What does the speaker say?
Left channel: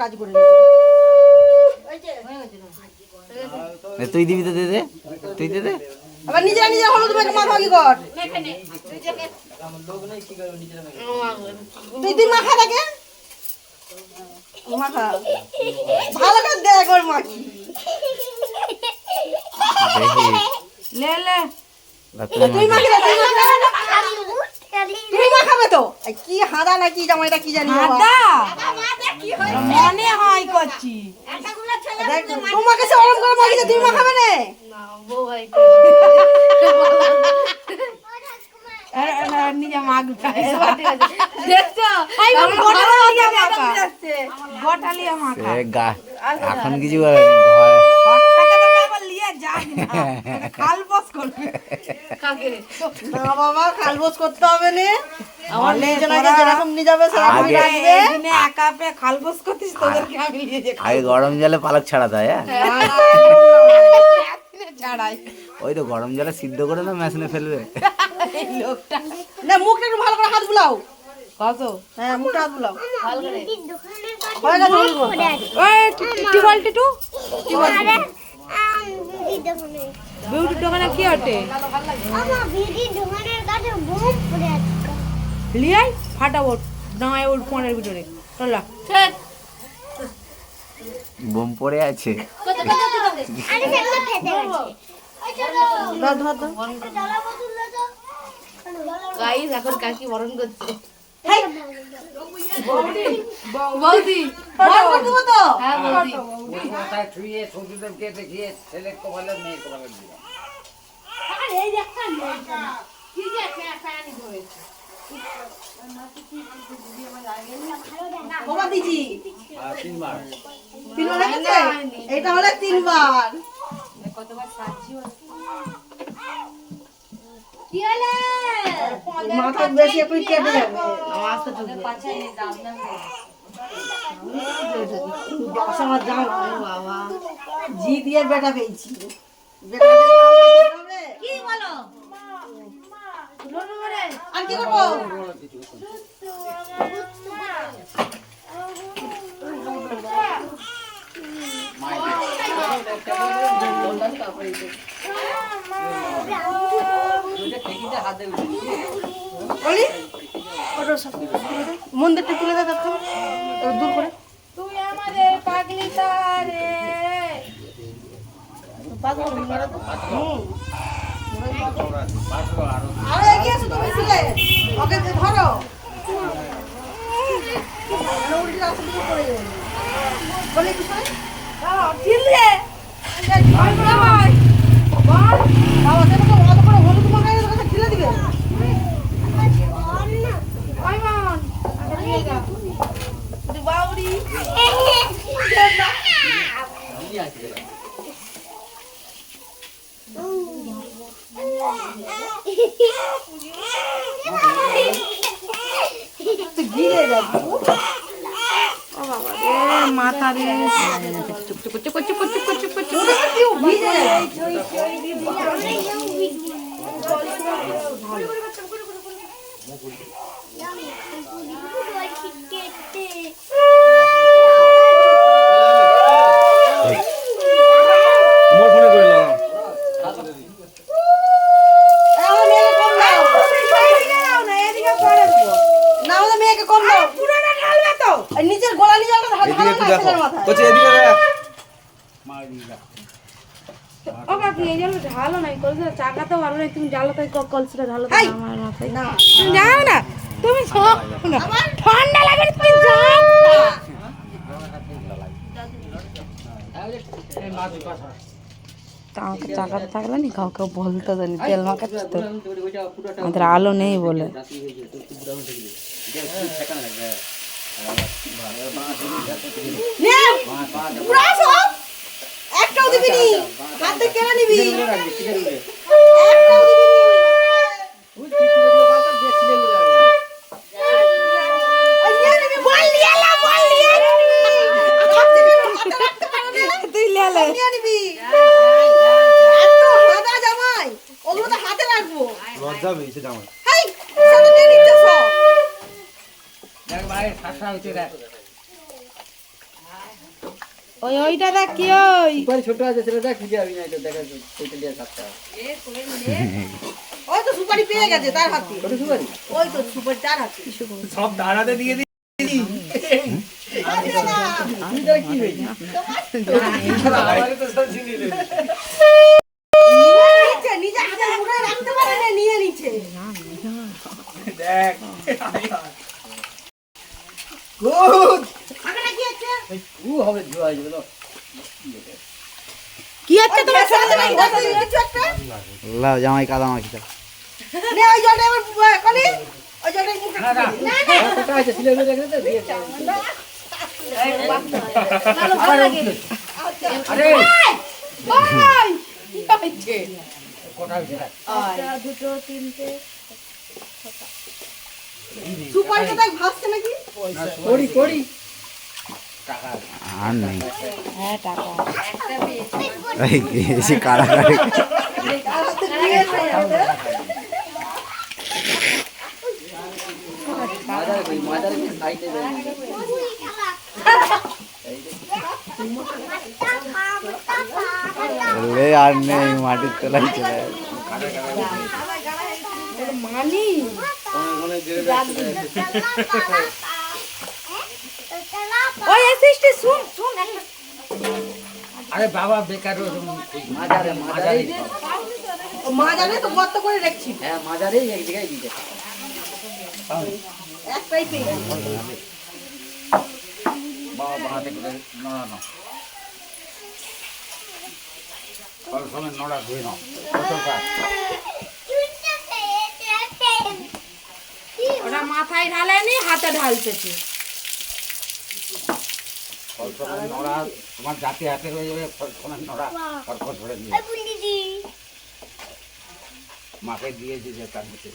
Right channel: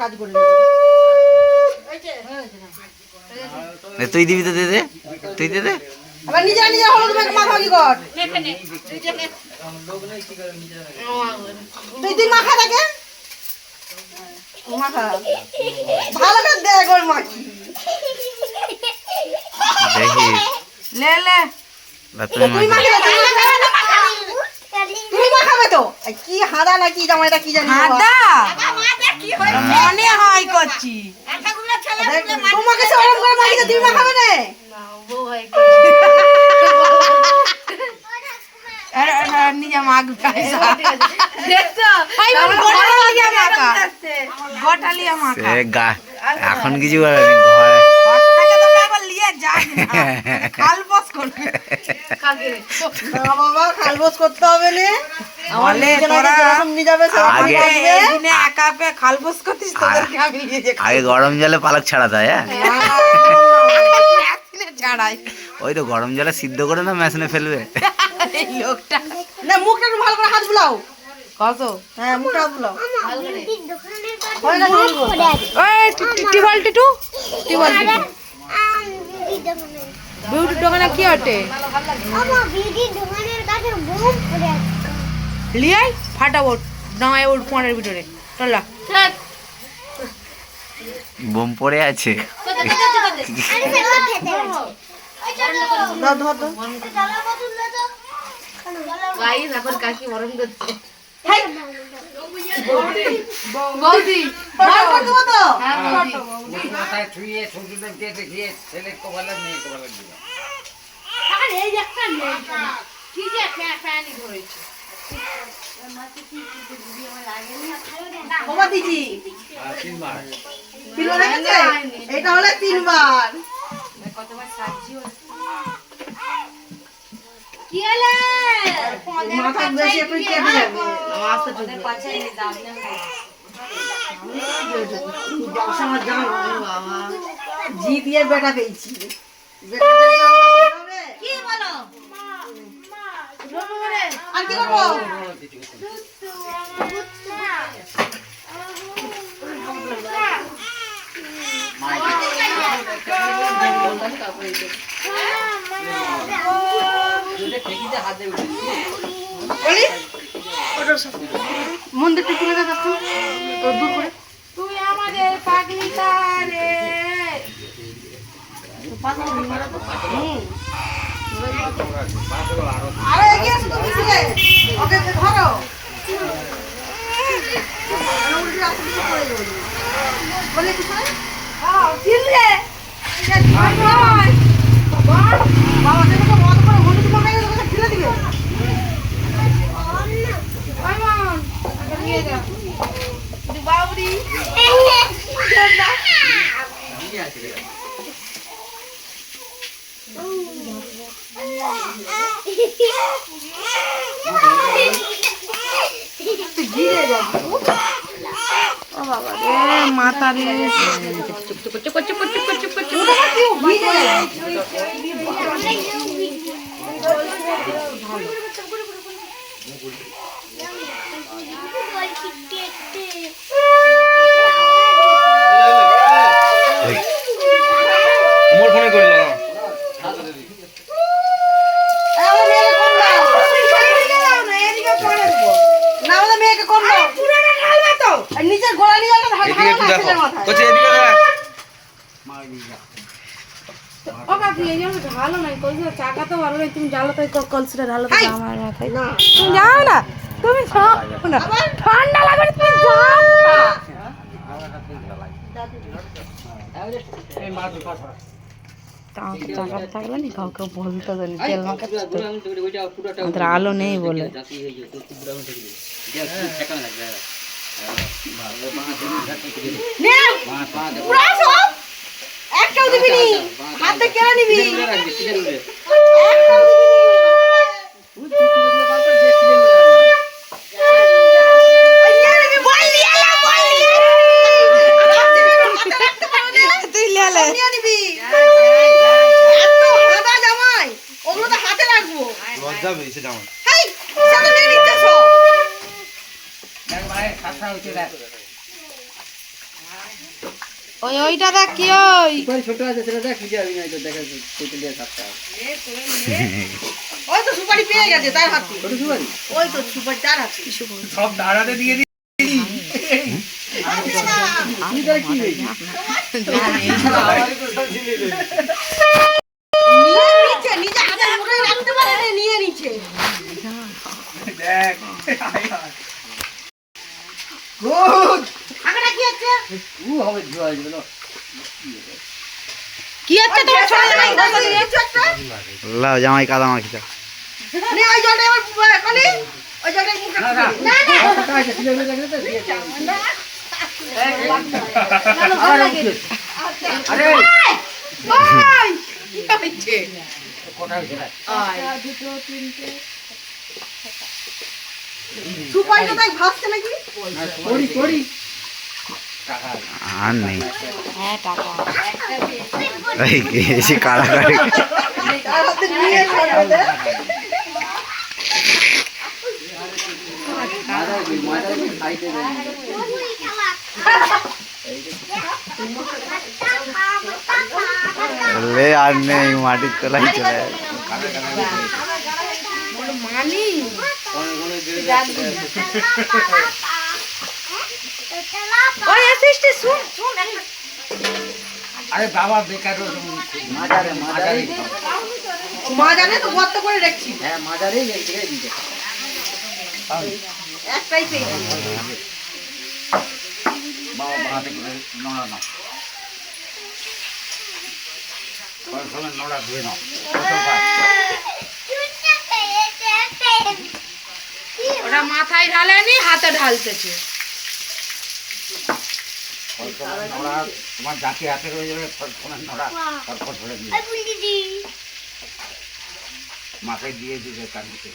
কাজ করে তুই দিবি তো, দে দে, তুই দে দে। আবার নিজে নিজে হলুদ মেখে মাখা কি কর তুই মাখা থাকে মাখা ভালো করে দেখ ওর মাখি দেখি লে লে তুই মাখাবে তো কি হাঁদা না কি জামাইটা কি জানি হাঁদা মনে হয় করছি তোমাকে সে ওরম করে মাখিয়ে তুই মাখাবে না নিজে মাখবে গোটালিয়া মাখা এখন কিছু করেনি ঘরে বাবা খালবোস করতে হবে না আগে গরম জলে পালক ছাড়াতে হয়। ছাড়াই ওই তো গরম জলে সিদ্ধ করে না মেশিনে ফেলবে লোকটা না মুখটা একটু ভালো করে হাত বুলাও কত হ্যাঁ মুখটা হাত বুলাও বিউটির দোকানে কি হটে লিয়াই ফাটাবো নয় ওর ফোনের ভিতরে চলা বোম পড়ে আছে। এখন কাকি বরণ করছে বৌদি এটা হলে 3 বার মাথা বেশি একটু কেটে যাবে জি দিয়ে বেটা পেয়েছি কি বলো আর কি করবো মন্দিরটা তুলে দেখাচ্ছ দূর করে তুই আমাদের পাগলিটা রে আরে এগিয়ে আসো তুমি ছিলে ওকে ধরো বলে কি করে চিল্লে বাবা দেখো অত করে হলুদ মাখাই ওকে ঢেলে দিবে বাউরি গিরে যাবে মাথা দিয়ে নিচের গোড়া নিয়ে যাবে ভালো নাই কলসিটা চাকা তো ভালো নাই তুমি জ্বালো তো কলসিটা ঢালো আমার মাথায় না তুমি যাও না তুমি যাও না ঠান্ডা লাগে তুমি যাও চাকাটা থাকলে নি কাউকে বলতো তো তেল মাখাচ্ছি তো আমাদের আলো নেই বলে একটাও দিবি নি হাতে কেড়ে নিবি তুই লেলে লজ্জা বেশি জামা ওইটা দেখ কি ওই ছোট আছে সেটা দেখ ভিডিও আমি নাই তো দেখা সেটা দিয়ে থাকতে ওই তো সুপারি পেয়ে গেছে তার হাতে ছোট সুপারি ওই তো সুপারি তার হাতে সব দাঁড়াতে দিয়ে দিই আমি তার কি হয়েছে নিজে হাতে মুঠে রাখতে পারে না, নিয়ে নিচ্ছে দেখ গুড আঁকাটা কি আছে ও হবে জোয়া যাবে না কি আছে তোমার ছোট জামাই কিছু একটা লাও জামাই কাদা মাখি দাও নে ওই জলটা আমার কোনে ওই জলটা মুখে না না টাকা আছে ছিলে মেয়ে দেখে তো দিয়ে ভালো ভালো লাগে আরে ওই কি হচ্ছে কোটা হইছে দুটো তিনটে সুপারিটা তাই ভাসছে নাকি পড়ি পড়ি আর নেই হ্যাঁ টাকা এই এসে কাড়াকাড়ি তার হাতে নিয়ে খাবে মাদার খাইতে দেয় লে আর নেই মাটির তলায় চলে যায়। মানি ওই এসিস্টে শুন শুন একটা আরে বাবা বেকার মাদারে মাদারে মা জানে তো গর্ত করে রাখছি হ্যাঁ মাদারে এক জায়গায় দিতে একটাই পেয়ে বাবা হাতে করে নড়া না সময় নড়া ধুয়ে নাও ওটা মাথায় ঢালেনি হাতে ঢালতেছে নড়া তোমার জাতি হাতে রয়ে যাবে সময় নড়া খড়খড় ধরে দিয়ে মাকে দিয়ে দিবে কান দিতে